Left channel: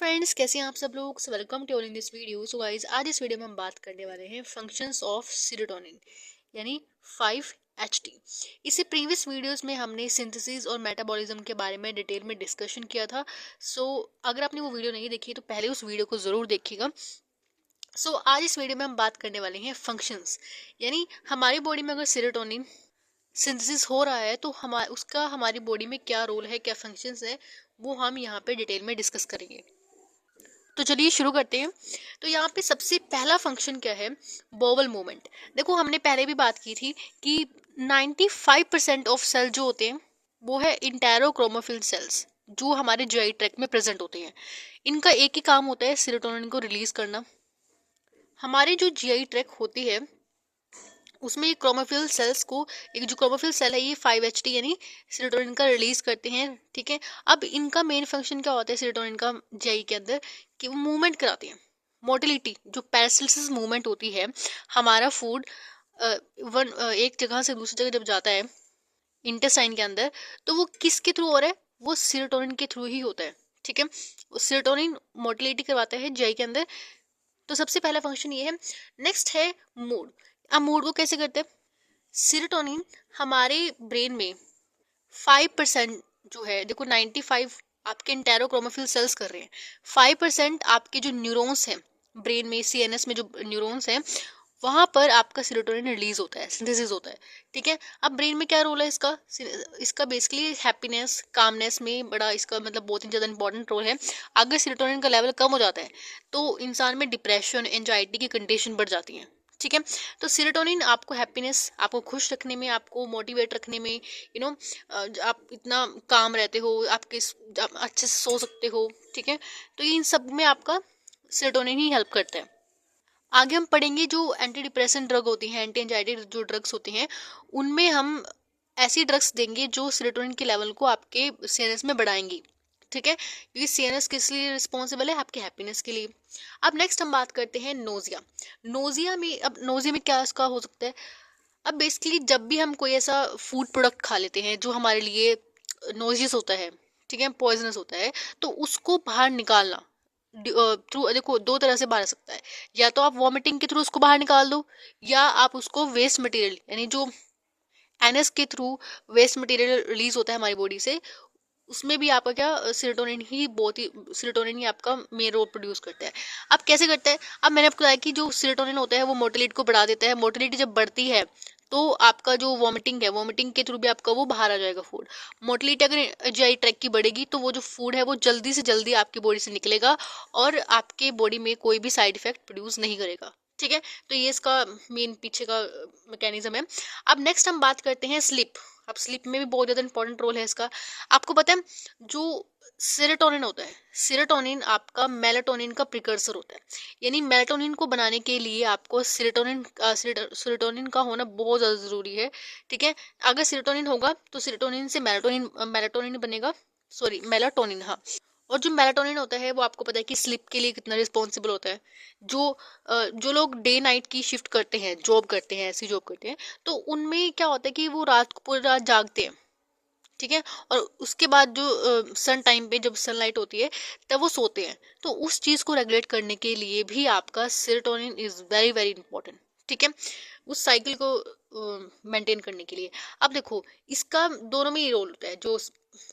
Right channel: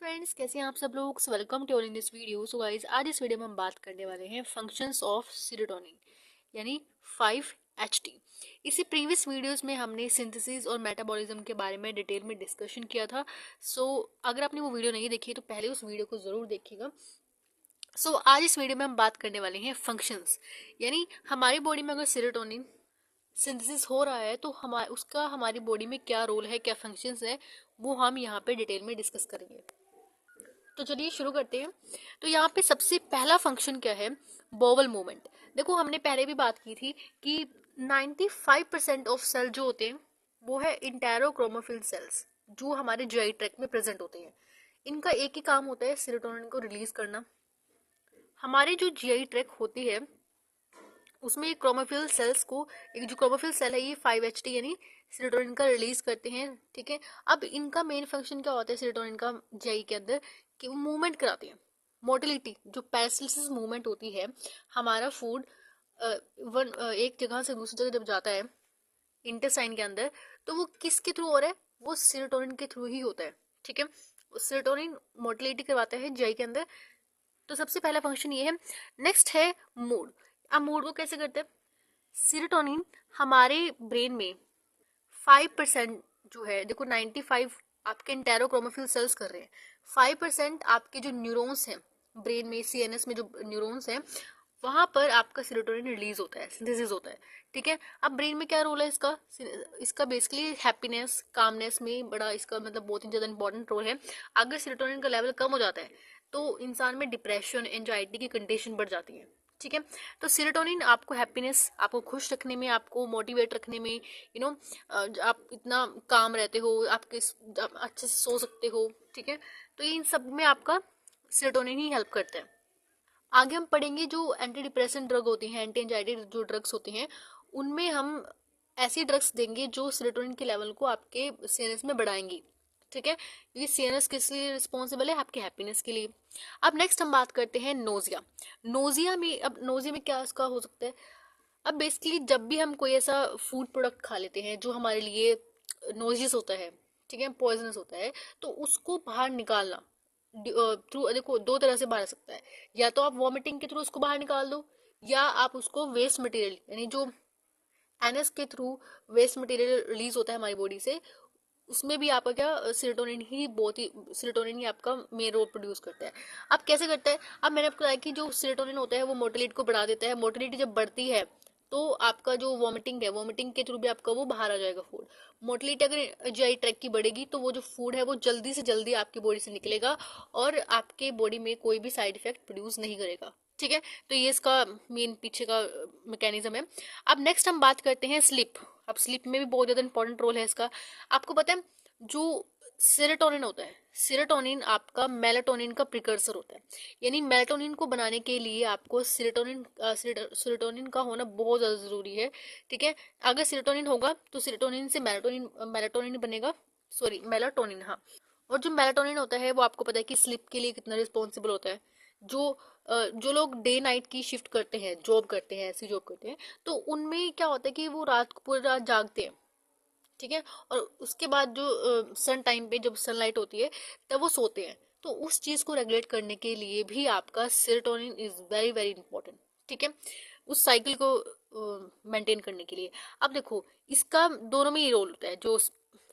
Friends, कैसे हैं आप सब लोग। Welcome to in this video. So guys, आज इस वीडियो में हम बात करने वाले हैं फंक्शंस ऑफ सीरोटोनिन यानी 5-HT। इससे प्रीवियस वीडियोस में हमने सिंथेसिस और मेटाबॉलिज्म के बारे में डिटेल में डिस्कशन किया था। अगर आपने वो वीडियो नहीं देखी तो पहले उस वीडियो को ज़रूर देखिएगा। आज इस वीडियो में हम बात करने वाले हैं फंक्शंस, यानी हमारी बॉडी में अगर सीरोटोनिन सिंथेसिस हो रहा है तो उसका हमारी बॉडी में क्या रोल है, क्या फंक्शंस है, वो हम यहाँ पे डिटेल में डिस्कस करेंगे। तो चलिए शुरू करते हैं। तो यहाँ पे सबसे पहला फंक्शन क्या है, बोवल मूवमेंट। देखो, हमने पहले भी बात की थी कि 95% ऑफ सेल जो होते हैं वो है इंटेरोक्रोमोफिल सेल्स, जो हमारे जीआई ट्रैक्ट में प्रेजेंट होते हैं। इनका एक ही काम होता है, सेरोटोनिन को रिलीज करना। हमारे जो जीआई ट्रैक्ट होती है उसमें क्रोमोफिल सेल्स को, एक जो क्रोमोफिल सेल है ये 5-HT यानी सेरोटोनिन का रिलीज करते हैं। ठीक है, अब इनका मेन फंक्शन क्या होता है सेरोटोनिन का जीआई के अंदर, कि वो मूवमेंट कराते हैं। मोटिलिटी, जो पैरासिलिसिस मूवमेंट होती है, हमारा फूड एक जगह से दूसरी जगह जब जाता है इंटेस्टाइन के अंदर, तो वो किसके थ्रू हो रहा है, वो सेरोटोनिन के थ्रू ही होता है। ठीक है, सेरोटोनिन मोटिलिटी करवाता है जीआई के अंदर। तो सबसे पहला फंक्शन ये है। नेक्स्ट है मूड। अब मूड को कैसे करते हैं, सीरोटोनिन हमारे ब्रेन में 5% जो है, देखो 95 आपके इंटेरोक्रोमोफिल सेल्स कर रहे हैं, 5% आपके जो न्यूरॉन्स हैं ब्रेन में, सीएनएस में जो न्यूरॉन्स हैं, वहां पर आपका सीरोटोनिन रिलीज होता है, सिंथेसिस होता है। ठीक है, अब ब्रेन में क्या रोल है इसका, इसका बेसिकली हैप्पीनेस, कामनेस में बड़ा इसका मतलब बहुत ही ज्यादा इंपॉर्टेंट रोल है। अगर सीरोटोनिन का लेवल कम हो जाता है तो इंसान में डिप्रेशन, एंजाइटी की कंडीशन बढ़ जाती है। ठीक है, तो सीरोटोनिन आपको हैप्पीनेस, आपको खुश रखने में, आपको मोटिवेट रखने में, आप इतना काम रहते हो, आप अच्छे से सो सकते हो। ठीक है, तो इन सब में आपका सीरोटोनिन ही हेल्प करता है। आगे हम पढ़ेंगे जो एंटी डिप्रेसेंट ड्रग होती हैं, एंटी एंजाइटी जो ड्रग्स होती हैं, उनमें हम ऐसी ड्रग्स देंगे जो सीरोटोनिन के लेवल को आपके सीएनएस में बढ़ाएंगी। ठीक है, क्योंकि सीएनएस किस लिए रिस्पॉन्सिबल है, आपके हैप्पीनेस के लिए। अब नेक्स्ट हम बात करते हैं नोजिया। नोजिया में क्या इसका हो सकता है। अब बेसिकली जब भी हम कोई ऐसा फूड प्रोडक्ट खा लेते हैं जो हमारे लिए नोजियस होता है, ठीक है, पॉइजनस होता है, तो उसको बाहर निकालना थ्रू, देखो दो तरह से बाहर आ सकता है। या तो आप वॉमिटिंग के थ्रू उसको बाहर निकाल दो, या आप उसको वेस्ट मटेरियल यानी जो एनएस के थ्रू वेस्ट मटेरियल रिलीज होता है हमारी बॉडी से, उसमें भी आपका क्या, सीरोटोनिन ही आपका मेन रोल प्रोड्यूस करता है। अब कैसे करता है, अब मैंने आपको बताया कि जो सीरोटोनिन होता है वो मोटिलिटी को बढ़ा देता है। मोटिलिटी जब बढ़ती है तो आपका जो वॉमिटिंग है, वॉमिटिंग के थ्रू भी आपका वो बाहर आ जाएगा फूड। मोटिलिटी अगर जीआई ट्रैक की बढ़ेगी तो वो जो फूड है वो जल्दी से जल्दी आपकी बॉडी से निकलेगा और आपके बॉडी में कोई भी साइड इफेक्ट प्रोड्यूस नहीं करेगा। ठीक है, तो ये इसका मेन पीछे का मैकेनिज्म है। अब नेक्स्ट हम बात करते हैं स्लीप। अब स्लीप में भी बहुत ज़्यादा इंपॉर्टेंट रोल है इसका। आपको पता है जो सेरोटोनिन होता है, सेरोटोनिन आपका मेलाटोनिन का प्रिकर्सर होता है। यानी मेलाटोनिन को बनाने के लिए आपको सेरोटोनिन का होना बहुत ज़्यादा ज़रूरी है। ठीक है, अगर सेरोटोनिन होगा तो सेरोटोनिन से मेलाटोनिन बनेगा, सॉरी मेलाटोनिन, हाँ। और जो मेलाटोनिन होता है वो आपको पता है कि स्लीप के लिए कितना रिस्पॉन्सिबल होता है। जो लोग डे नाइट की शिफ्ट करते हैं, जॉब करते हैं, ऐसी जॉब करते हैं, तो उनमें क्या होता है कि वो रात को पूरी रात जागते हैं। ठीक है, और उसके बाद जो सन टाइम पे जब सनलाइट होती है तब वो सोते हैं। तो उस चीज़ को रेगुलेट करने के लिए भी आपका serotonin is very very important. ठीक है, उस साइकिल को मेंटेन करने के लिए। अब देखो, इसका दोनों में ही रोल होता है। जो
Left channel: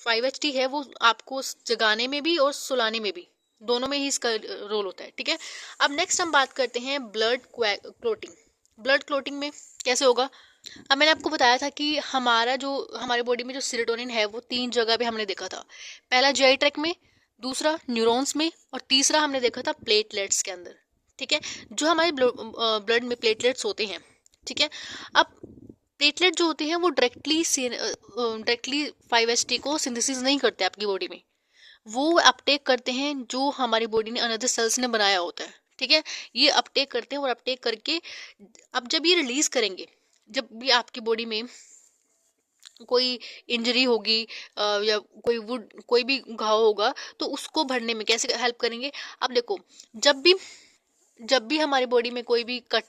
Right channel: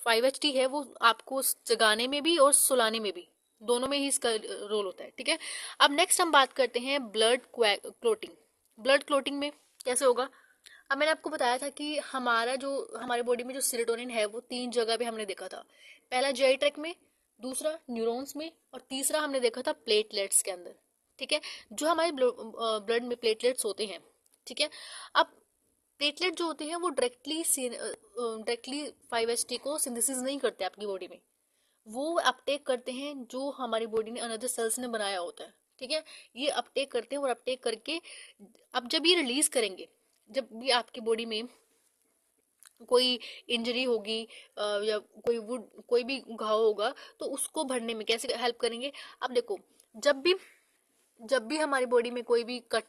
5-HT है वो आपको जगाने में भी और सुलाने में भी, दोनों में ही इसका रोल होता है। ठीक है, अब नेक्स्ट हम बात करते हैं ब्लड क्लोटिंग। ब्लड क्लोटिंग में कैसे होगा। अब मैंने आपको बताया था कि हमारे बॉडी में जो सीरोटोनिन है वो 3 जगह पे हमने देखा था। पहला जीआई ट्रैक्ट में, दूसरा न्यूरॉन्स में, और तीसरा हमने देखा था प्लेटलेट्स के अंदर। ठीक है, जो हमारे ब्लड में प्लेटलेट्स होते हैं। ठीक है, अब प्लेटलेट जो होते हैं वो डायरेक्टली 5-HT को सिंथेसिस नहीं करते आपकी बॉडी में, वो अपटेक करते हैं जो हमारी बॉडी ने अनदर सेल्स ने बनाया होता है। ठीक है, ये अपटेक करते हैं और अपटेक करके अब जब ये रिलीज करेंगे, जब भी आपकी बॉडी में कोई इंजरी होगी या कोई भी घाव होगा, तो उसको भरने में कैसे हेल्प करेंगे। अब देखो, जब भी हमारी बॉडी में कोई भी कट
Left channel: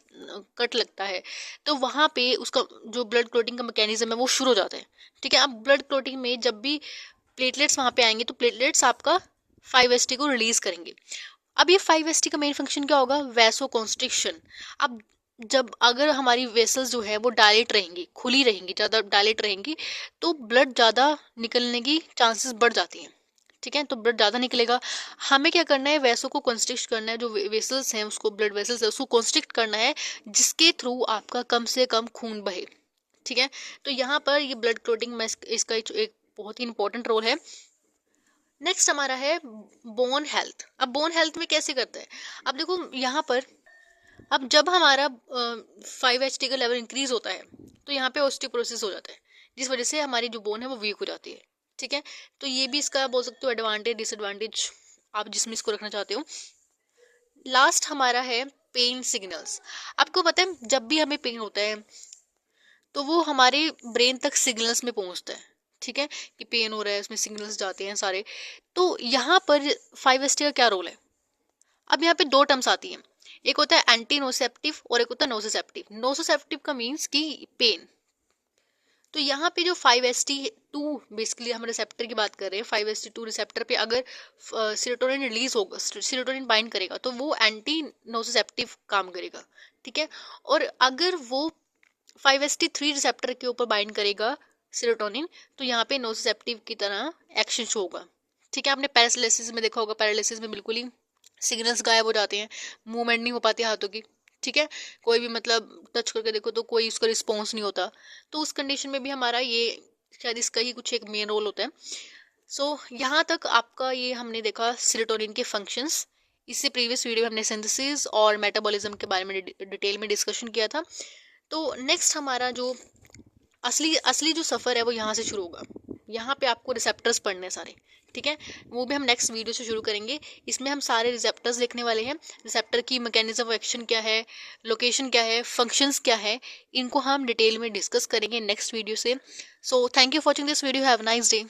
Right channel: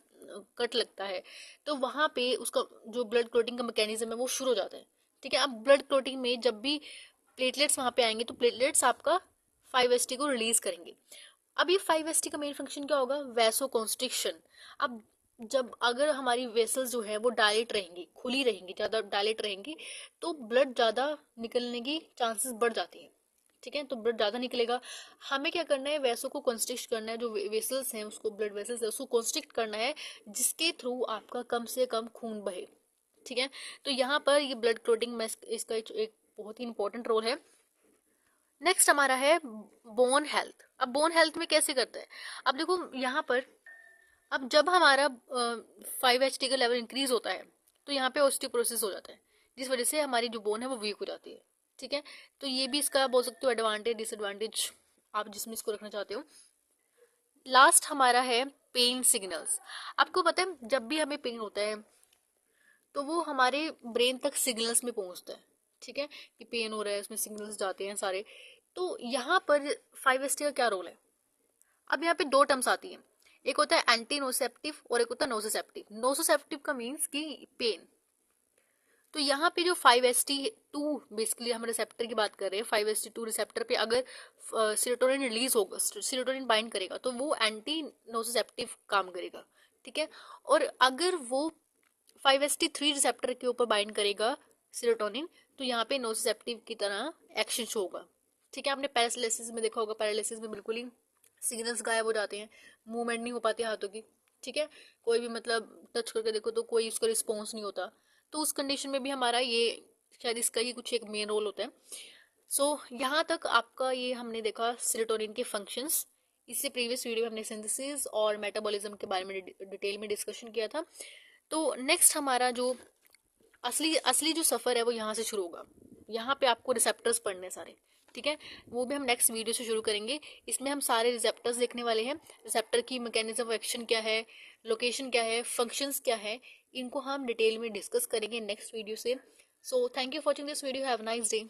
कट लगता है तो वहां पे उसका जो ब्लड क्लोटिंग का मैकेनिज्म है वो शुरू हो जाता है। ठीक है, अब ब्लड क्लोटिंग में जब भी प्लेटलेट्स वहां पे आएंगे तो प्लेटलेट्स आपका 5-HT को रिलीज करेंगे। अब ये 5-HT का मेन फंक्शन क्या होगा, वैसो कॉन्स्ट्रिक्शन। अब जब अगर हमारी वेसल्स जो है वो डायलेट रहेंगी, खुली रहेंगी, ज़्यादा डायलेट रहेंगी, तो ब्लड ज़्यादा निकलने की चांसेस बढ़ जाती हैं। ठीक है, तो ब्लड ज़्यादा निकलेगा। हमें क्या करना है, वैसों को कंस्ट्रिक्ट करना है, जो वेसल्स हैं उसको, ब्लड वेसल्स है उसको कंस्ट्रिक्ट करना है, जिसके थ्रू आपका कम से कम खून बहे। ठीक है, तो यहाँ पर ये ब्लड क्लोटिंग में इसका एक बहुत ही इंपॉर्टेंट रोल है। नेक्स्ट हमारा है बोन हेल्थ। अब बोन हेल्थ में कैसे करता है, अब देखो यहाँ पर, अब जब हमारा 5-HT का लेवल इंक्रीज होता है तो यहाँ पे ऑस्टियोपोरोसिस हो जाता है, जिस वजह से हमारी जो बोन है वो वीक हो जाती है। ठीक है, तो ये भी इसका बोल सकते हो एडवांटेज डिसएडवांटेज, आप जिसमें इसको रखना चाहते हो। लास्ट हमारा है पेन सिग्नल्स। आपको पता है जब भी हमें पेन होता है तो वो हमारे ब्रेन तक सिग्नल्स में पहुंचता है। ठीक है, कि पेन हो रहा है, उसमें सिग्नल्स जाते हैं सारे। तो यहाँ पर 5-HT का क्या रोल है, अब यहाँ पे दो टर्म्स आती हैं, एक होता है एंटी नोसेप्टिव और एक होता है नोसेप्टिव। नोसेप्टिव का मीन्स कि पेन। तो यहाँ पे जो 5-HT2 बेसिकली हम रिसेप्टर की बात कर रहे हैं, 5-HT2 रिसेप्टर पे अगर सीरोटोनिन रिलीज होगा, सीरोटोनिन बाइंड करेगा, तो वो एंटी नोसेप्टिव काम करेगा। ठीक है, और अगर वो 5-HT3 रिसेप्टर के ऊपर बाइंड करेगा सीरोटोनिन, तो यहाँ पे नोसेप्टिव की तरह एक्शन शो होगा। ठीक है, आपने पैरालिसिस में देखा होगा, पैरालिसिस में बिल्कुल ही सिग्नल्स गायब हो जाते हैं, मूवमेंट नहीं हो पाती हाथों की। ठीक है, कोई भी मतलब टच करके देखो तो कोई उसका रिस्पॉन्स नहीं होता, तो उस कंडीशन में भी हमारा ये शायद इसका ही कुछ एक मेन रोल होता है। सो यहाँ तक आपका ये हमने देखा सेरोटोनिन के फंक्शंस। इससे प्रीवियस वीडियो में हमने सिंथेसिस और मेटाबॉलिज्म के बारे में डिटेल में डिस्कशन किया था। तो नेक्स्ट हमारा जो असली असली जो सफ़र है वो यहाँ से शुरू होगा। यहाँ पे आपको रिसेप्टर्स पढ़ने हैं सारे। ठीक है, वो भी हम नेक्स्ट वीडियो से शुरू करेंगे। इसमें हम सारे रिसेप्टर्स देखने वाले हैं, रिसेप्टर की मैकेनिज्म ऑफ एक्शन क्या है, लोकेशन क्या है, फंक्शंस क्या है, इनको हम डिटेल में डिस्कस करेंगे नेक्स्ट वीडियो से। So thank you for watching this video, have a nice day.